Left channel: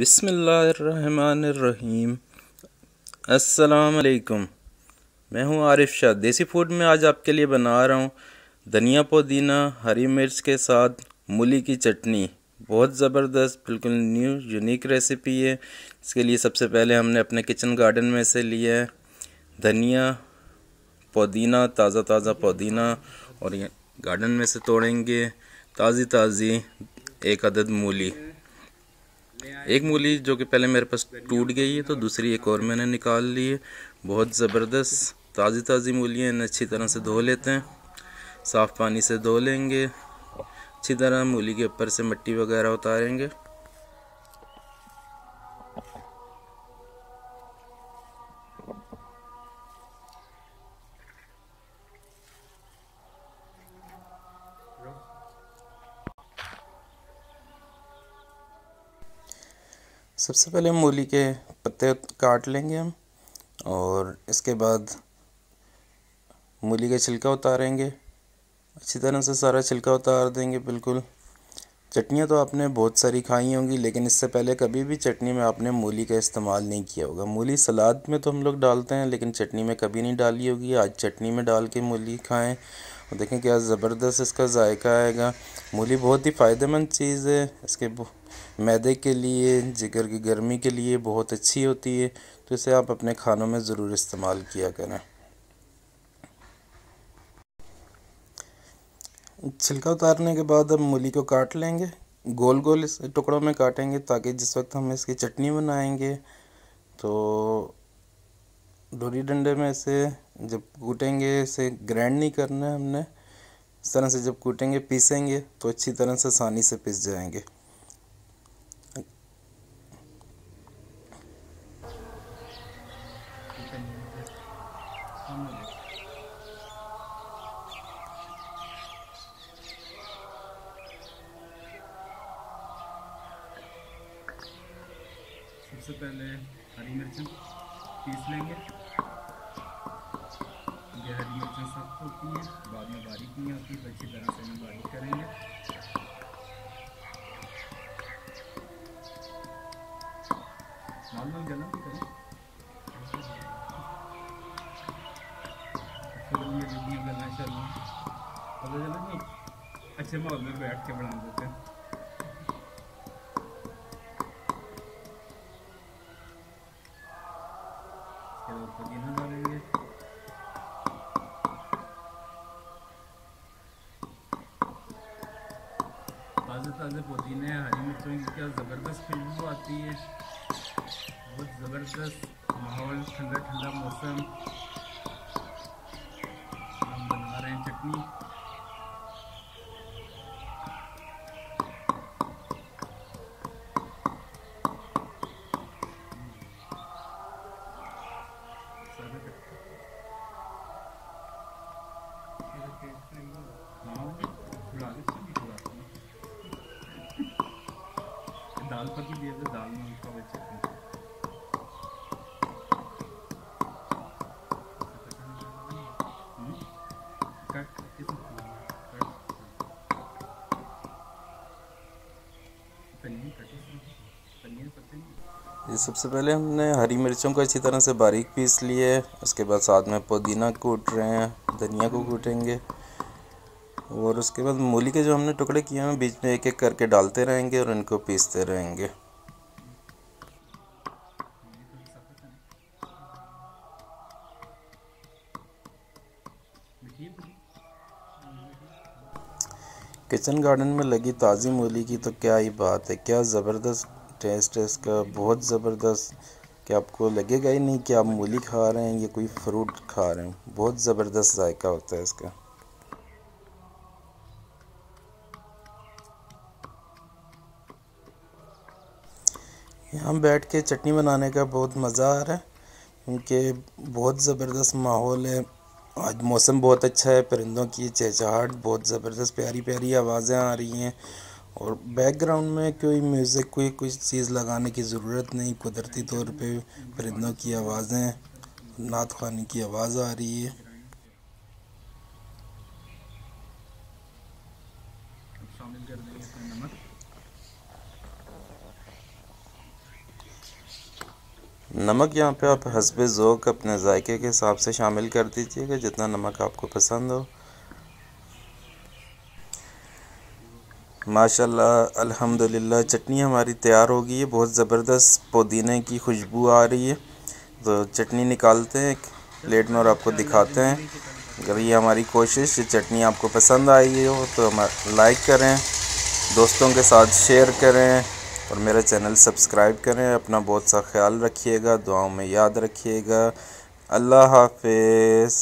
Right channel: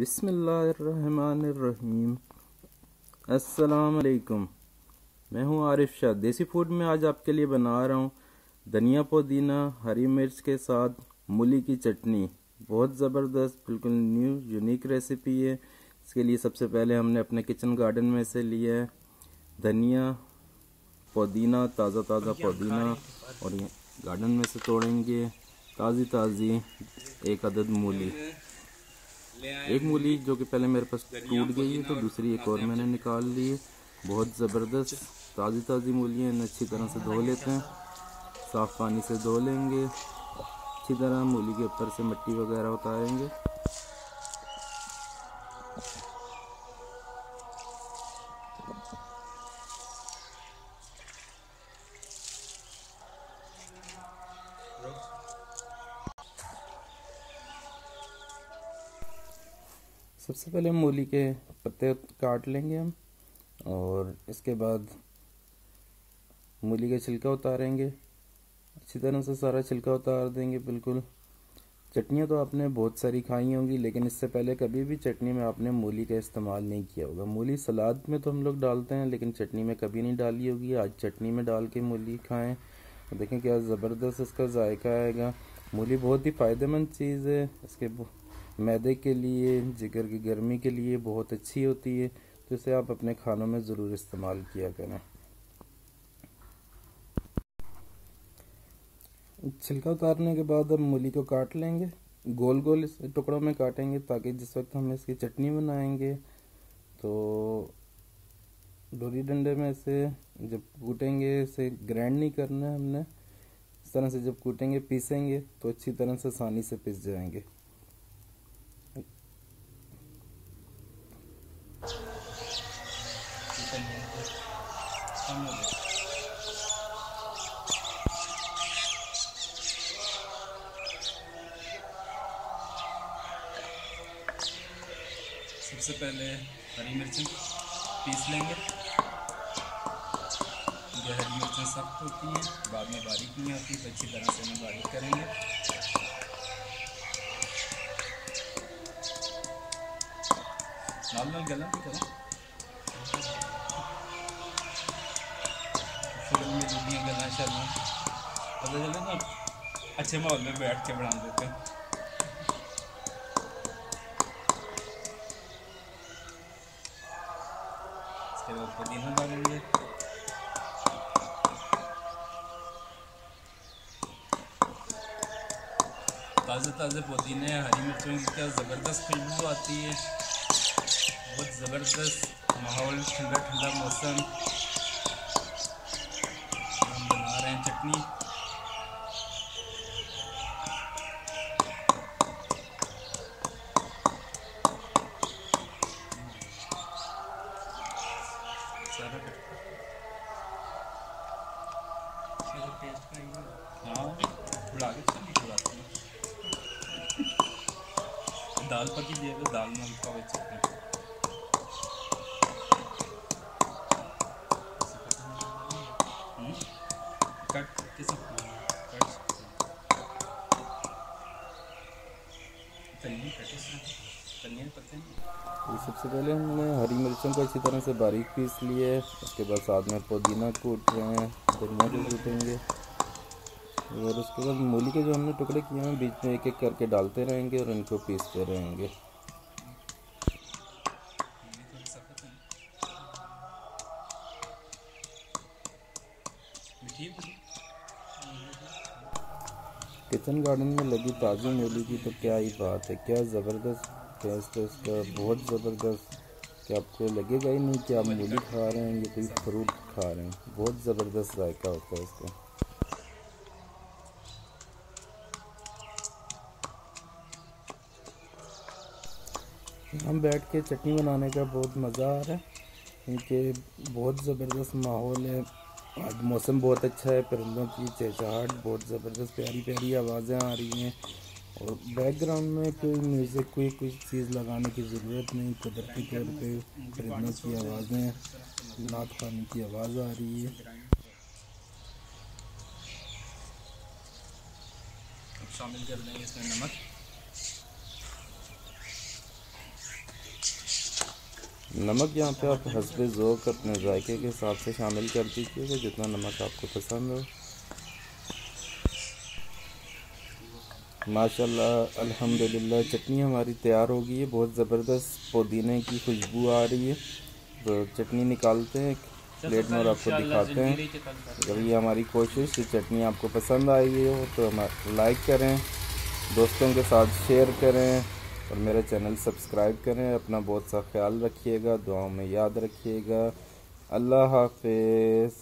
बिस्मिल्लाहिर्रहमानिर्रहीम। अस्सलाम वालेकुम। मैं हूं आरिफ शाह। देसी फूड में आज आपके लिए बना रहा हूं धनिया पुदीना हरी मिर्च के साथ मूली की चटनी। बहुत ज़बरदस्त, बिल्कुल न्यू यूनिक रेसिपी है। इसके लिए सबसे पहले हमने अपने किचन गार्डन में से लिया है धनिया पुदीना, ताज़ा ताज़ा पुदीना, और ये गार्डन में से तोड़ेंगे ताज़ी ताज़ी एक अदद मूली। एक मूली जो कि पहले मेरे पास टूट गई है, तो दूसरी एक और मैंने निकाल ली है। बहुत ज़बरदस्त ताज़ी ताज़ी मूलियाँ, इन्हें अच्छी तरह से धो लेते हैं। साफ़ पानी से धो लेंगे अच्छी तरह। मूली के ऊपर से मिट्टी वगैरह उतारेंगे। सबसे पहले मूली के पत्ते काट लेंगे हम, और इसके बाद मूली का छिलका उतारेंगे। अच्छी तरह से सारा छिलका उतार देंगे बिल्कुल। चटनियाँ तो आपने बहुत सारी खाई होंगी, लेकिन इससे पहले कभी भी चटनी में आपने मूली का इस्तेमाल नहीं किया होगा। मूली सलाद में तो हम लोग डालते हैं, लेकिन चटनी में कभी नहीं डाली होगी। आज चटनी में डाल के मूली खाएं और देखें क्या ज़बरदस्त इसका जायका आएगा। मूली बहुत ही फ़ायदेमंद चीज़ है। इसके मैदे के लिए, जिगर की गर्मी के लिए बहुत अच्छी होती है, तो इसे आप अपने खानों में ज़रूर इस्तेमाल किया करें। छिलका उतारने के बाद अब मूली को काट लेंगे। गोल गोल इस टुकड़ों में काटेंगे, ताकि जिस वक्त हम इसकी चटनी बनाएंगे तो डोरी डंडे में से जब कूटेंगे, इसे ग्राइंड नहीं करना है हमने। इस तरह से जब कूटेंगे, पीसेंगे तो अच्छी तरह से आसानी से पिस जाएंगे। सबसे पहले हरी मिर्चें पीस लेंगे। ये हरी मिर्चें सख्त होती हैं, बाद में बारीक नहीं होती, तो अच्छी तरह से इन्हें बारीक करेंगे। लाल लाल गला भी करो, फिल्म में जल्दियाँ गला शर्मा पता चले ना, अच्छे माहौल में बैठ के बना देते हैं। इसके बाद पुदीना डालेंगे। ताज़े ताज़े पुदीने हरी मिर्चों की क्या ज़बरदस्त खुशबू आती है। बहुत ज़बरदस्त माहौल, ठंडा ठंडा मौसम, हम बना रहे हैं चटनी। सारा हाँ, थोड़ा आगे थोड़ा दाल पकी दिए तो दाल में का हुआ चटनी कट के सब कट तनी पत्ते। ये सबसे पहले हमने हरी मिर्चों को अच्छी तरह से बारीक पीस लिए। उसके बाद साथ में पुदीना कूट रहे हैं, धनिया को कूटेंगे, और उसके बाद मूली के जो हमने टुकड़े किए हैं बीच में एक एक करके डालते रहेंगे और इनको पीसते रहेंगे। किचन गार्डन में लगी ताज़ी मूली की तो क्या ही बात है, क्या ज़बरदस्त टेस्ट है इसका, बहुत ज़बरदस्त कि आपको लगेगा ही नहीं कि आप मूली खा रहे हैं या कोई फ्रूट खा रहे हैं। बहुत ज़बरदस्त जायका होता है इसका। यहाँ बैठ के चटनी बनाने का बहुत मज़ा आ रहा है, क्योंकि बहुत ज़बरदस्त माहौल है। आज मौसम बहुत अच्छा है, परिंदों की चहचहाहट, बहुत ज़बरदस्त प्यारी प्यारी आवाज़ें आ रही हैं, और बैकग्राउंड में कोई म्यूज़िक, कोई चीज़ लगाने की ज़रूरत नहीं। कुदरती तौर पे परिंदों की आवाज़ें, नात ख़वानी की आवाज़ आ रही है। अब शामिल कर देंगे इसमें नमक। नमक यहाँ पे आप हस्बे ज़ौक़ अपने जायके के हिसाब से शामिल कर दीजिएगा, जितना नमक आपको पसंद हो। माशाल्लाह अल्हम्दुलिल्लाह चटनी हमारी तैयार हो गई है। बहुत ज़बरदस्त पुदीने की खुशबू आ रही है। तो चटनी निकालते हैं एक प्लेट में और आपको दिखाते हैं। अगर ये हमारी कोशिश ये चटनी आपको पसंद आई हो तो हमारा लाइक करें, दोस्तों के साथ शेयर करें और मेरा चैनल सब्सक्राइब करें। अपना बहुत सा ख्याल रखिएगा, दुआओं में याद रखिएगा। अल्लाह हाफिज़।